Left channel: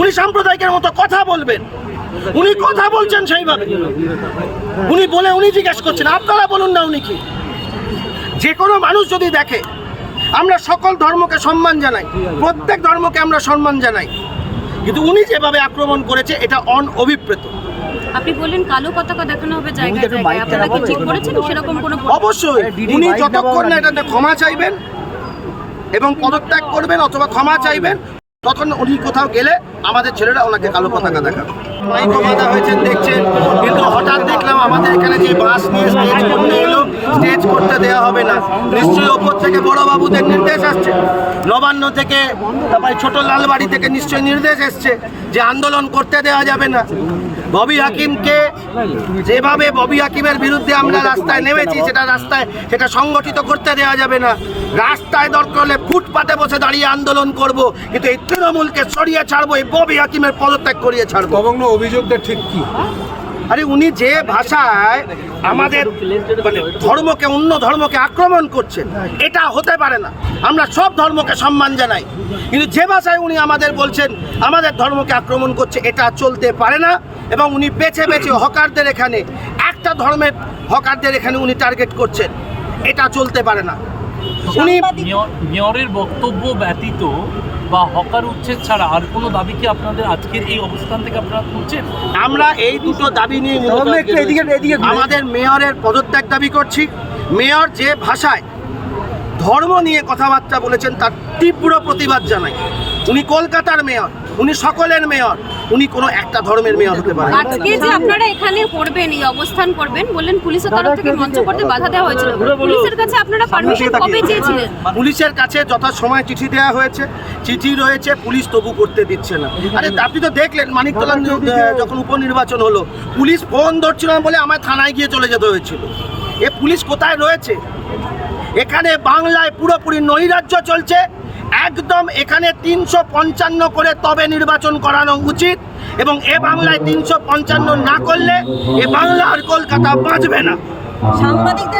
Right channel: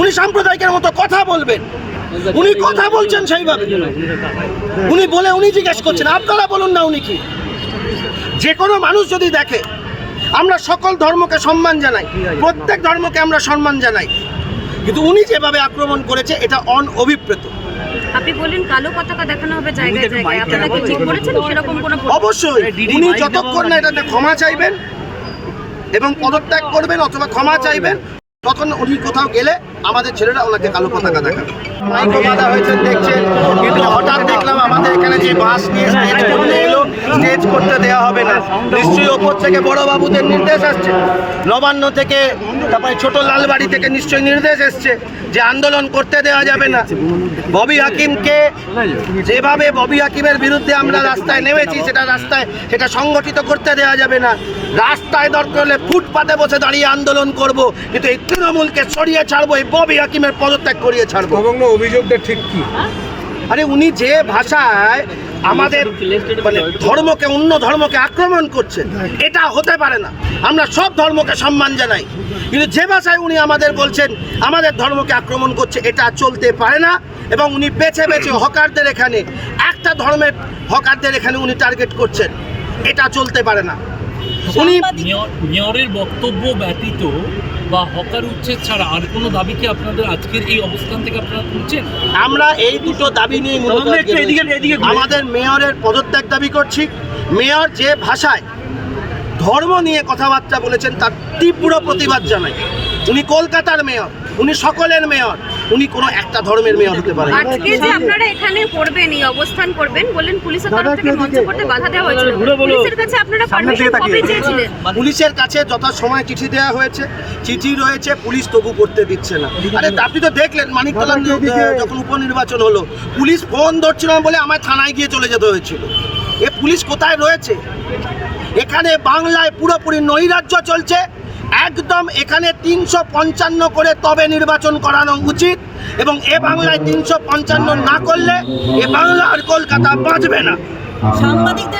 উনি সাম্প্রদায়িকের মতো কথা বলবেন। উনি কথা বলছেন সেইভাবে। উনি বলে উনি জিজ্ঞেস করছেন আপনারা বলুন না উনি কি? যে কোনো মানুষ যদি দেখে আমরা সকল ধর্মকে সম্মান জানাই প্রত্যেক ধর্মকে আমরা সম্মান জানাই কিন্তু উনি যেভাবে আক্রমণ করেছে এটা অনঅভিপ্রেত আপনি বললেন কালো পতাকা দেখানো হবে জায়গায় জায়গায়। আপনারা কি ঠিক করেছেন সেরকম কোনো অবশ্যই উনি যতক্ষণ না এটাতে ক্ষমা চাইবেন এবং পদত্যাগ করবেন অথবা ক্ষমা চাইবেন তখন উনি কোথাও গেলে আমাদের ছেলেরা ওনাকে কালো পতাকা দেখাবে। মাইক বাঁধা দেখছেন। কিন্তু হঠাৎ দেখলাম আমাদের এখানে যে বাস নিয়ে এলো স্টেজ করতে দেওয়া হবে না। নিশ্চয়ই ওপর থেকে বড় বাবুদের নির্দেশ আসছে। নবান্ন থেকে, তারপরে ছোট লালবাড়ি থেকে নিশ্চয়ই নির্দেশ এসছে যে আন্দোলন করতে দেওয়া যাবে না। ববি হাকিমকে যেভাবে ববি হাকিমের বিরুদ্ধে আমরা রাস্তায় নেমেছি, সেটা রাস্তায়, সেটা সংগঠিত করতে দেওয়া যাবে না। রাস্তায় দরকার হলে ফুটপাতে বসে দাঁড়িয়ে আন্দোলন করব, কিন্তু এই তৃণমূলকে সরিয়ে ছাড়বো, এই ববি হাকিমের পদত্যাগ করিয়ে ছাড়বো। অভিযোগটা ঠিক কি? আরে উনি যে ভাষায় আমাদের মানে ধর্মকে, অন্য ধর্মকে আক্রমণ করছেন, এটা হতে পারে না। আমরা সব ধর্মকে সম্মান জানাই। কিন্তু যে ভাষায় উনি আমাদের বলছেন, আমাদের ধর্মকে আক্রমণ করছে, এটা চলতে পারে না। এবং উনি বেছে বেছে হকারদের এখানে, একটা ধর্মের হকারদের এখানে উনি টার্গেট করছেন, এটা চলতে পারে না। উনি মেয়রের বক্তব্য ব্যতীত বা হকার উচ্ছেদ ছাড়া আর কোনো দাবি কি আপনাদের আজকের এই অবস্থান থেকে আপনারা তুলছেন? আমরা এই দুটো দাবি নিয়ে। আমাদের মেয়রের পদত্যাগ দাবি করছি। মেয়র যে ভাষায় ধর্ম নিয়ে কথাবার্তা বলেছেন তার তীব্র প্রতিবাদ জানাই। উনি কলকাতার মেয়র। উনি সকলের মেয়র। উনি কোনো একটা ধর্মের মেয়র হতে পারেন। না। আজকে যে আপনারা এখানে করবেন এই অবস্থান করবেন বললেন পুলিশের তরফ থেকে মঞ্চ করতে বাধা দেওয়া হয়েছিল। পুলিশের কাছে আপনারা পারমিশন কবে চেয়েছিলেন? পুলিশের কাছে যথাসময়ে চিঠি দেওয়া হয়েছে। চিঠি রয়েছে পুলিশ তবু করতে দিচ্ছে না। আরে আপনি তো দেখলেন মানিকতলা যখন উপনির্বাচন হলো পুলিশ ফোন ধরছিল না বলে আমায় থানায় গিয়ে চলে যেতে হয়েছিল। এ পুলিশ কোথায় রয়েছে? এখানে বাংলায় পুরোপুরি নৈরাজ্য চলছে একদম এখানে তিনশো পঞ্চান্ন করে তবে নির্বাচন করানো উচিত এবং এ বাংলায় তিনশো পঞ্চান্ন না করলে এ বাংলা আর কলকাতা বাঁচবে না।